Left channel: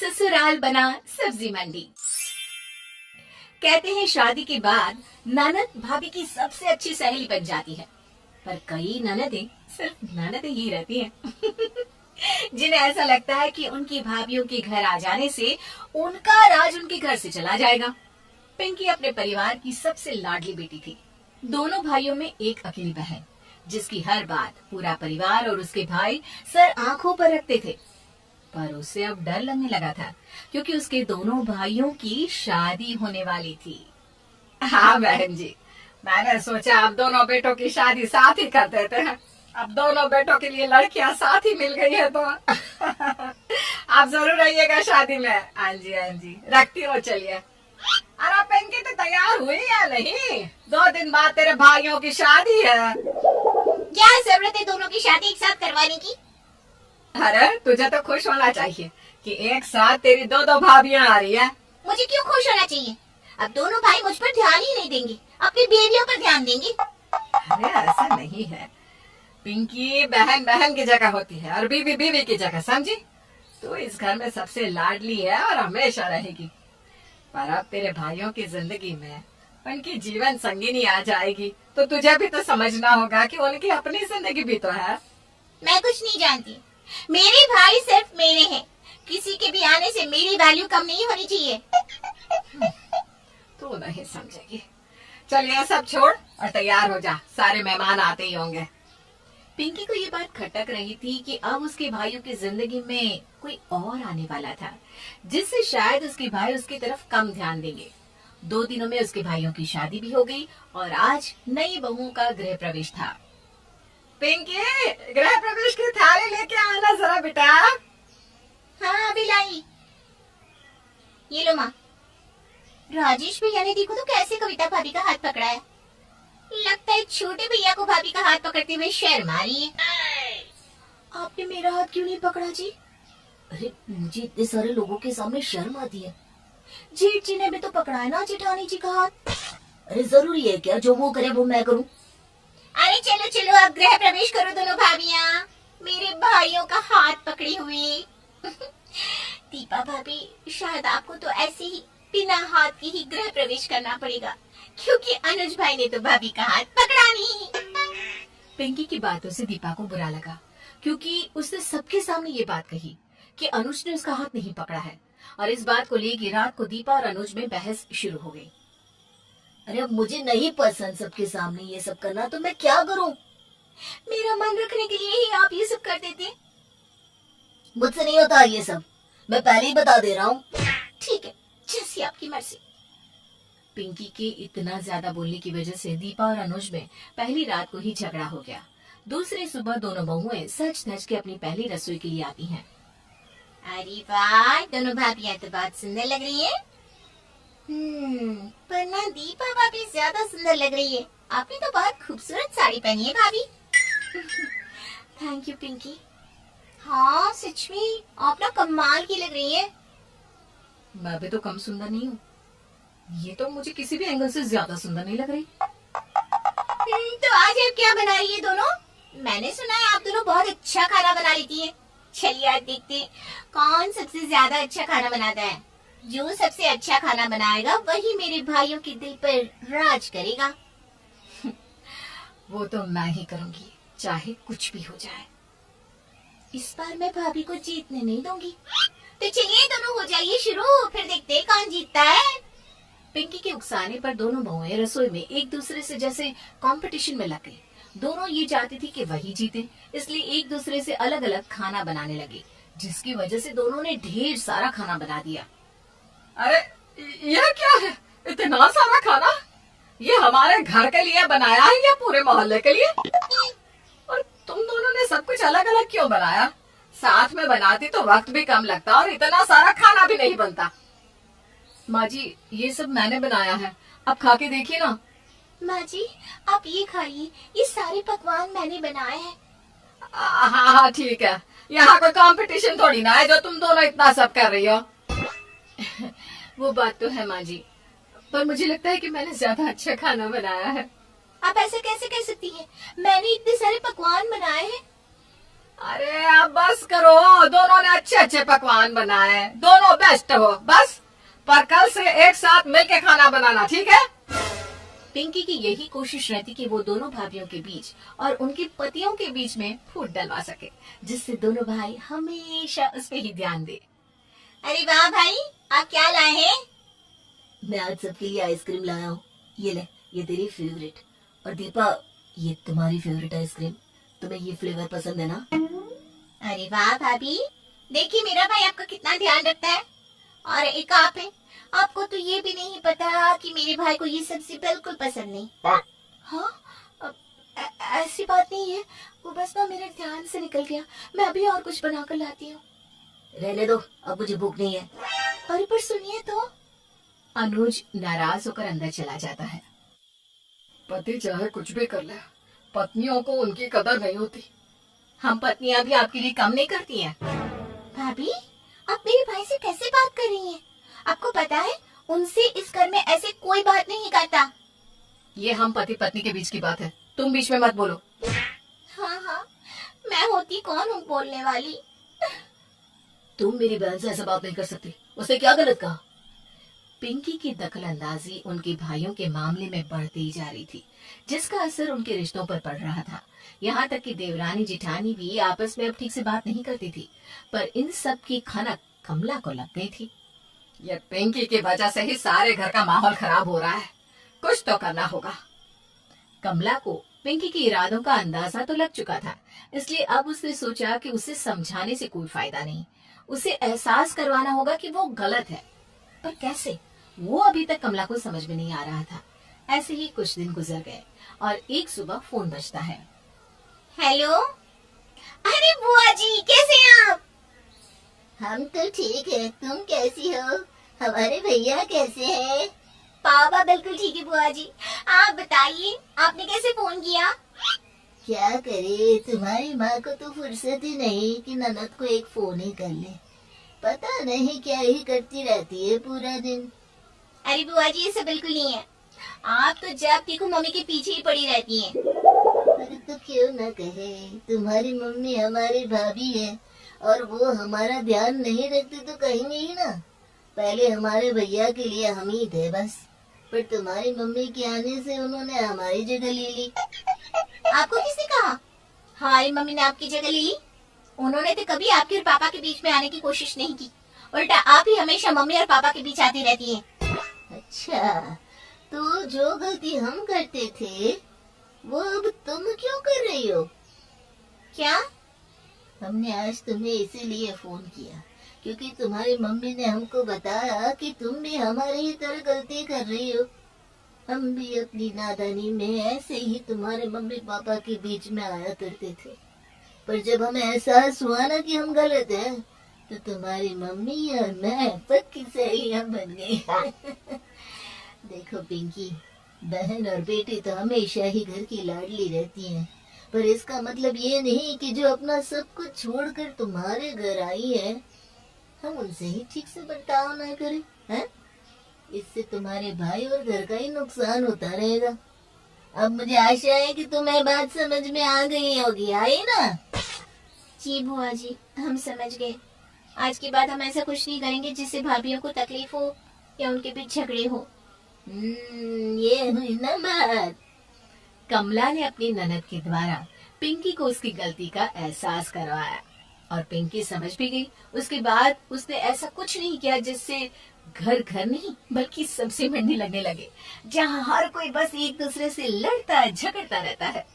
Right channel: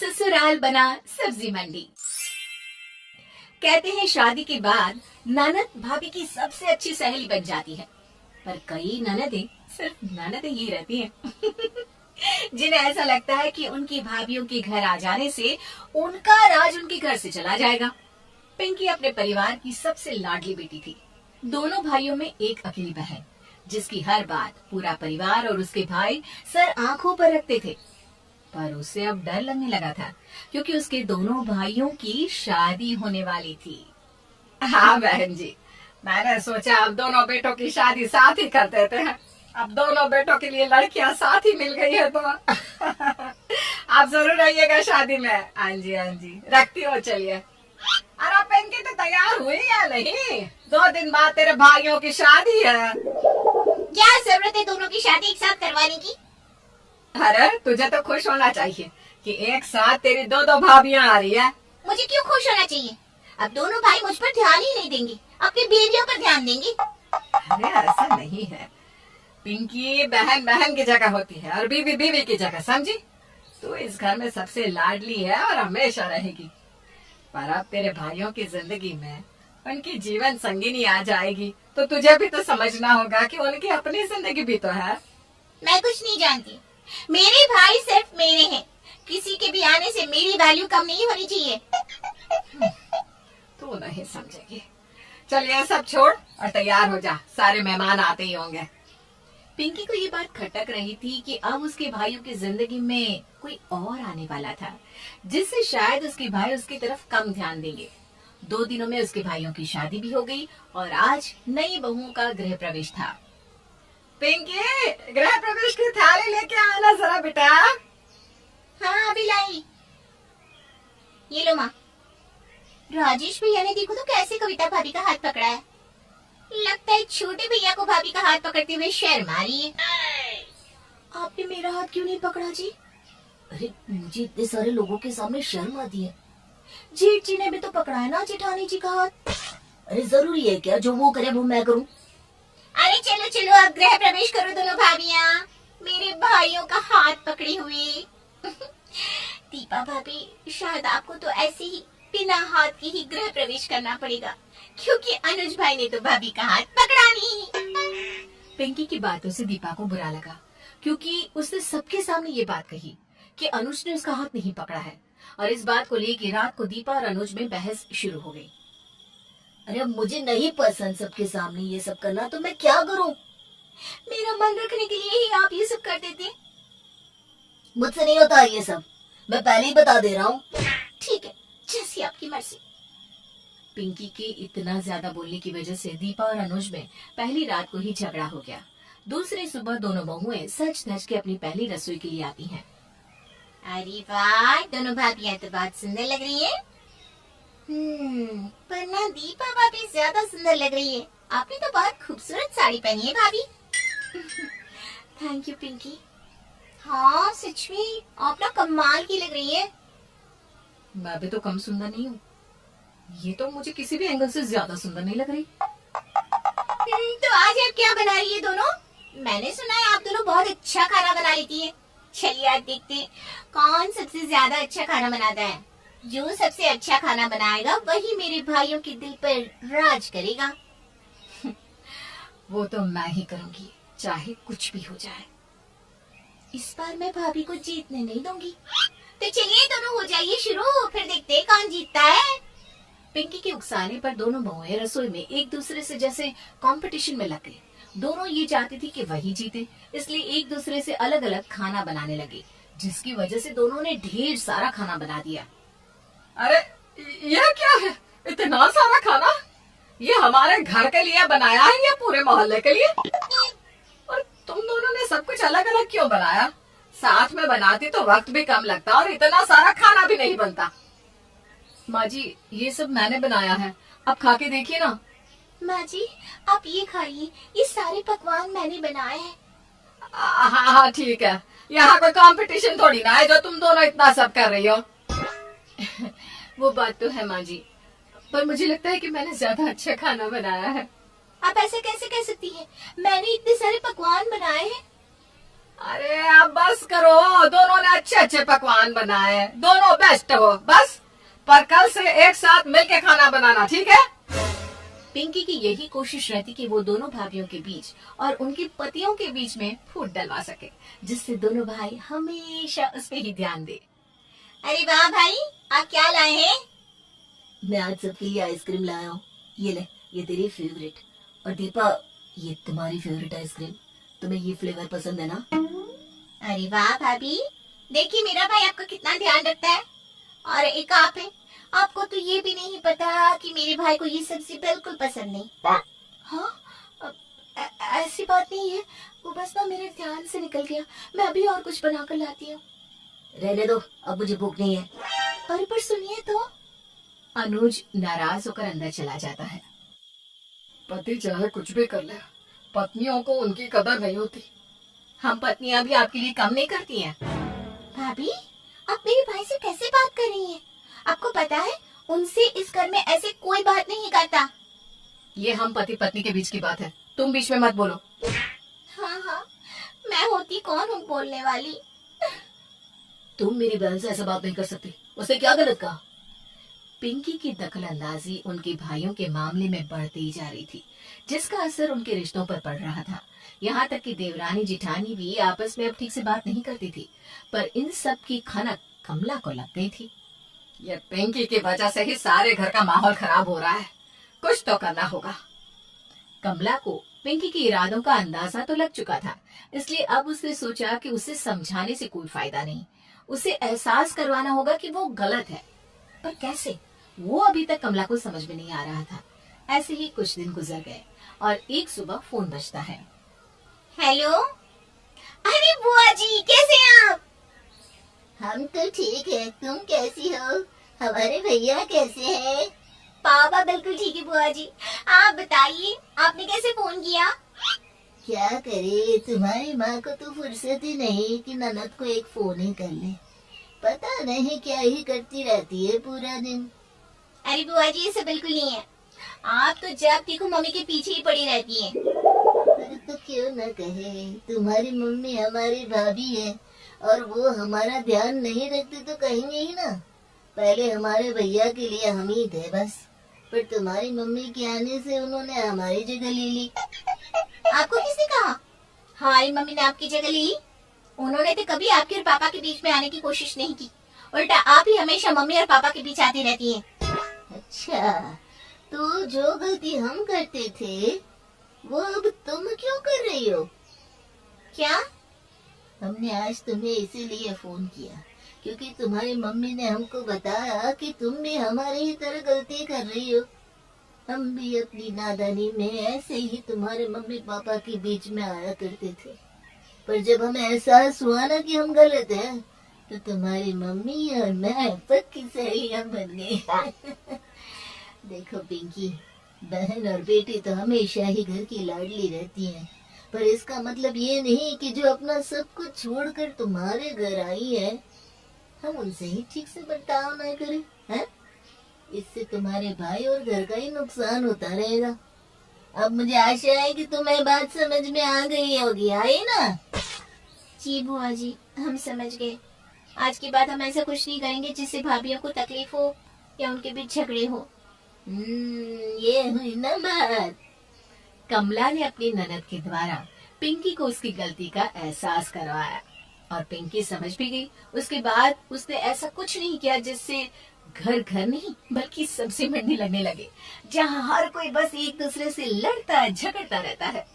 ससुराल बना सब्जी मंडी। कहते हैं शादी के बाद ननद भाभी की सबसे अच्छी सहेली बन जाती है, पर कई ननदें सिर्फ ननदें ही रहती हैं जिन्हें ऐसा लगता है कि उनकी भाभीयों के घर आ जाने से उनका राज उनके घर से चला जाएगा। पिंकी अपने परिवार की सबसे लाडली बेटी थी। दोनों भाइयों में एक अकेली बहन, जिसकी हर बात पूरा परिवार और उसके भाई सर आंखों पर रखते थे। पर उसे अब डर लगने लगा था, क्योंकि उसके दोनों भाइयों की शादी होने वाली थी। हाँ बहन जी, मैंने सोचा अब दोनों बेटों की शादी साथ ही कर देते हैं। अब दोनों बेटों के लिए लड़कियां साथ ही मिल गई है तो आप जरूर आइएगा शादी में। हाँ जी रखती हो, चलिए। अरे पिंकी तो तैयार हुई या नहीं? 2 दिन बाद तेरे भाइयों की शादी है। क्या जरूरत है दोनों की शादी एक साथ करवाने की? अरे तुझे तो खुश होना चाहिए कि एक साथ तेरी 2 भाभियां आ रही है। मुझे क्यों खुश होना चाहिए? अब दोनों भाई मुझ पर ध्यान ही नहीं देंगे, अपनी बेबियों पर ध्यान देंगे। अरे ऐसा नहीं है पिंकी, बहन बहन की जगह होती है और बीवी बीवी की जगह, समझी? तू इस घर में सबसे लाडली है और हमेशा रहेगी। पर अब तेरे भाइयों की जिंदगी में उनकी जीवन संगिनी आ जाएगी तो तुझे भी तो समझना होगा कि उनकी अपनी जिंदगी भी तो है। मैं कुछ नहीं जानती, मेरे भाई सिर्फ मेरे हैं। किसी के भी आने से मेरी वैल्यू कम नहीं होनी चाहिए। तू नहीं समझेगी। चल ये सब छोड़ और तैयार हो जा, सारे मेहमान आते ही होंगे। पिंकी को ये बात खटक रही थी कि अब उसके भाइयों की जिंदगी में कोई और आने वाला था, जिससे शायद उसके भाई उसकी तरफ कम ध्यान देंगे। 2 दिनों में उसके भाइयों की शादी भी हो गई और आज नई बहुओं का गृह प्रवेश था। पिंकी, गृह प्रवेश की थाली लेके आना जरा बेटा। हाँ अभी लाई। ये लो माँ। राजेश भैया ने देखो तो कैसे कविता भाभी का हाथ पकड़ा है। लगता है छोटे भैया को भाभी का हाथ पकड़ते हुए शर्म आ रही है। आपने मेरा हाथ क्यों नहीं पकड़ा जी? अरे मुझे इतने सारे लोगों के सामने शर्म आती है। जेठ जी ने भी तो पकड़ा है ना जेठानी जी का हाथ। अरे जरूरी है क्या जो वो करे वो मैं करूं? अरे चलो चलो अब गृह प्रवेश करो दोनों भाभियाँ, मेरे भाइयों का हाथ पकड़े हुए। दीपा भाभी, शायद आपको तो ऐसे ही बिना हाथ के ही गृह प्रवेश करना पड़ेगा, क्योंकि अनुज भाई ने तो भाभी का हाथ पकड़ा नहीं। पिंकी की बातों से दीपा को बुरा लगा, क्योंकि उसने सबके सामने ये बात कही कि अनुज ने उसका हाथ नहीं पकड़ा है। और इस बात को लेकर रात को दीपा और अनुज में बहस शुरू हो गई। अरे मुझे नहीं पसंद सबके सामने ये सब करना, तो मैं क्या करूं? मेरा मन रखने के लिए ही आप ये सब कर देते। मुझसे नहीं होता ये सब, मैं पहले ही बता दे रहा हूँ। ठीक है, जैसी आपकी मर्जी। पिंकी के इतना ज्यादा बोलने की वजह से दीपा और अनुज में पहली रात को ही झगड़ा हो गया। दूसरी सुबह दोनों बहुएं सज धज के अपनी पहली रसोई के लिए आती हैं। अरे वाह, दोनों भाभियां तो बहुत सुंदर लग रही है। पर ना दीपा भाभी ज्यादा सुंदर लग रही है। आपने तो बहुत खूबसूरत साड़ी पहनी है भाभी। Thank you Pinky. हाँ सच में आप ना कमाल की लग रही है। मैं भी तो कम सुंदर नहीं हूँ, ये तो मुझे किसी भी एंगल से ज्यादा सुंदर नहीं लग रही। तो आज आप क्या बना रही है दोनों? मैंने सुना है आप दोनों बहुत अच्छा खाना बना लेती है। चलिए आज देखते हैं कौन सबसे ज्यादा अच्छा खाना बनाता है। जो सबसे अच्छा खाना बनाएगा वही मेरे भाइयों के दिल पर राज करेगा। वो तो मैं ही करूंगी, चाहे कुछ भी हो जाए। इस बार मैं भाभी को जीतने नहीं दूंगी। तो चलिए दोनों हो जाइए शुरू, फिर देखते हैं कौन जीतता है। पिंकी के उकसाने पर दोनों बहुएं रसोई में एक दूसरे से जैसे कंपटीशन में लग गई। दोनों ये चाहती थी कि वही जीते, इसलिए एक दूसरे से अलग अलग खाना बनाने लगे, जिसकी वजह से दोनों ने ढेर सारा खाना बना दिया। अरे यह क्या है, इतना सारा खाना? ये हमारे घर के लिए बनाया है या पूरे मोहल्ले के लिए? और तुम दोनों ने सब कुछ अलग अलग क्यों बनाया? साथ में बनाती तो वक्त भी कम लगता और इतना सारा खाना भी नहीं बनता। माँ जी, ये सब मैंने बनाया है, अब खा के देखिए ना। माँ जी आप ये खाइए, ये सारे पकवान मैंने बनाए हैं। हाँ ठीक है, यहाँ कोई कंपटीशन थोड़ी ना है जो तुम दोनों इतना सब कर रही हो। वो बात तो है माँ जी, पर मुझे लगता है कि मैंने ज्यादा अच्छा खाना बनाया है। आप ऐसे कैसे कह सकती हैं? मैंने इतने सारे पकवान बनाए हैं। अरे अब बस करो, दोनों ने अच्छे अच्छे पकवान बनाए, दोनों बेस्ट हो बस। पर कल से एक साथ मिलके खाना बनाना, ठीक है? पिंकी की यही कोशिश रहती कि वो दोनों भाभीियों के बीच और उनके पतियों के बीच में फूट डलवा सके, जिससे दोनों भाई हमेशा उस पे ही ध्यान दे। अरे वाह भाई, आप क्या लाए हैं? मैं आज सबके लिए आइसक्रीम लाया हूँ। ये ले, ये तेरी फेवरेट। और दीपा, ये तुम्हारी फेवरेट आइसक्रीम। तुम्हें ये फ्लेवर पसंद है ना? अरे वाह भाभी, देखिए मेरा भाई आपका कितना ध्यान रखता है। और एक आप है, आपको तो ये भी नहीं पता कि मेरे भाई को ये सब्जी बिल्कुल पसंद नहीं। हाँ, ऐसी बात नहीं है, वो बस ना मेरे ध्यान से निकल गया। मैं अभी और कुछ बनाकर लाती हूँ। रहने दो, अब मुझे भूख नहीं है। अरे पर सुनिए तो। अनुज नाराज होकर अंदर चला जाता है। पति चाहे कुछ भी कर ले, पत्नियों को उनकी कदर नहीं होती। हम पत्नियां भी आपके लिए कम नहीं करती हैं। भाभी, आप मेरे भाई से कैसे बात कर रही हैं? आपको पता है, उनसे इस घर में ऐसे कोई बात नहीं करता। ये हम पति पत्नी के बीच की बात है, तुम बीच में मत बोलो। हाँ, मैं होती कौन हूँ बोलने वाली? तुम मेरी बहन से ऐसा बात नहीं कर सकती। उसे क्या गलत कहा? पिंकी की दखलंदाजी उनके भाइयों के मामले में बढ़ती जा रही थी, जिसका असर उनके रिश्तों पर पड़ रहा था। यहाँ तक कि देवरानी जिठानी भी आपस में अब ठीक से बात नहीं करती थी। पर इन सब की खनक कमला को लग गई थी। ये पिंकी की वजह से ही सारे घर का माहौल खराब हो रहा है, कुछ तो करना होगा। कमला को पिंकी के इरादों का अंदाजा तो लग चुका था, इसलिए अब उसने सोचा कि उसे समझाने से कोई फायदा नहीं, उसे एहसास करवाना होगा कि वो गलत है। पर कैसे, वो अभी तक कमला को समझ में नहीं आ रहा था। ऐसे ही कुछ दिन गुजर गए और एक सुबह फोन बजता है। हेलो, अरे बुआ जी, कैसे हैं आप? हम तो ठीक है, तुम कैसी हो? हमारे भैया कैसे हैं? पापा बिल्कुल ठीक है बुआ जी। आप बताइए, आपने कैसे फोन किया? क्या करे, तुम्हारी माँ को तो फुर्सत ही नहीं कि ननद को एक फोन ही कर ले। पता नहीं क्या ही करती रहती है पूरा दिन। अरे बुआ जी, ऐसा बिल्कुल नहीं है। आप तो जब देखो मम्मी के पीछे ही पड़ी रहती हैं। अरे तो क्यों न कहे, तुम्हारी मम्मी हमारी भाभी है और वो हमारा ध्यान नहीं रखती तो कहेंगे ही ना। पहले हमारे भैया के लिए हम ही थे बस, पर तुम्हारी मम्मी के आने से उन्होंने हमारी जगह ले ली। आपको किसने कहा हमारी मम्मी ने आपकी जगह ली? उन्होंने तो कभी आपके और पापा के बीच में आने की कोशिश नहीं की। उल्टा आप ही हमेशा मम्मी और पापा के बीच आती रहती हैं। अच्छा, तो जो गलती हम करते थे वो अब तुम क्यों कर रही हो? क्या? हमने आज तुम्हें इसीलिए फोन किया क्योंकि तुम्हारी मम्मी ने हमको बताया कि तुम भी हमारी ही तरह गलती कर रही हो। हम भी अपनी नादानी में ऐसे ही तुम्हारे मम्मी पापा के बीच में आया करते थे, पर जब हमें एहसास हुआ ना कि हम गलत हैं, तो तुम्हारी मम्मी और मैं पक्की सहेलियां बन गई। देखो पिंकी, बहन और बेटी तो हमेशा ही घर की लाडली रहती हैं, पर इसका मतलब ये नहीं कि जो अपना सब कुछ छोड़कर तुम्हारे घर आई है, हम उनसे ही ठीक से बर्ताव ना करें, हैं? इससे तुम्हारे भाई और घर का ही नुकसान होता रहेगा। अब मुझे आशा है कि तुम्हें बात समझ में आ गई होगी, आई ना? जी बुआ जी, हम समझ गए। आज के बाद हम ऐसा कुछ नहीं करेंगे जिससे भाभीयों को तकलीफ हो या उनके बीच झगड़े हो। ये हुई ना बात। कमला ने अपनी ननद के द्वारा पिंकी को उसकी गलती का एहसास करवाया और पिंकी समझ भी गई। उसके बाद उसने ऐसा कुछ नहीं किया जिससे घर घर नहीं बल्कि सब्जी मंडी लगने लगे, जहाँ हर कोई बस एक दूसरे से लड़ता झगड़ता रहता है।